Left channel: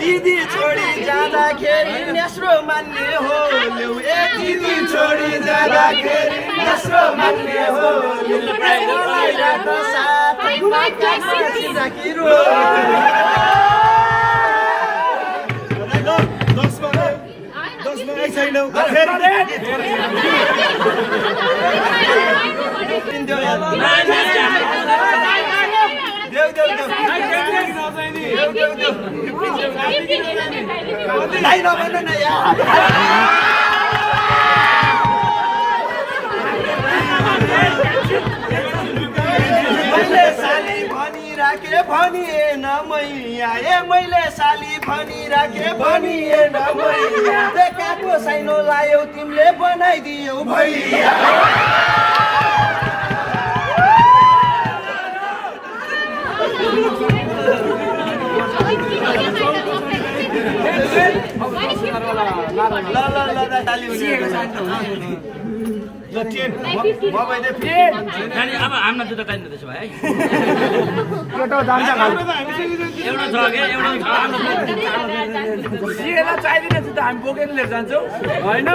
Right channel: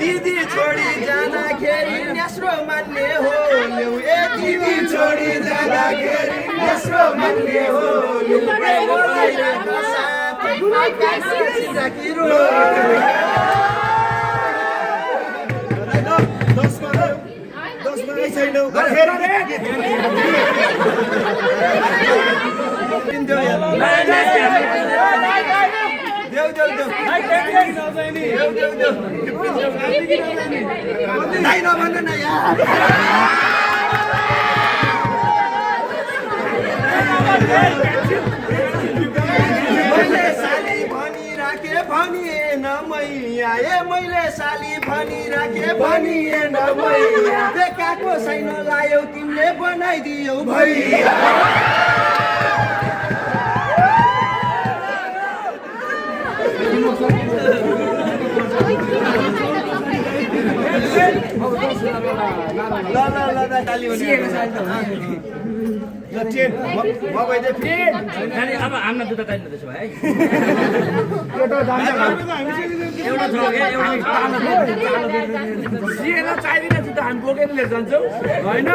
दिदी छोडी जाँदाखेरि नेस्रो मान्ने हो दिदी छोडी जाँदाखेरि नेस्रो मान्ने हो मैले साली भनिराखे भनिएन मैया मैले साली भनिराखे भनिएन मैया देखाको साइनो लायौ तिमीले बनाइदियौ भैया अब हाम्रो जुत्ता चाहिन्छ त्यसो भए एउटा छ क्या एउटा चाहिँदैन जुत्ता हामी बोकेर लिएर जान्छौँ होइन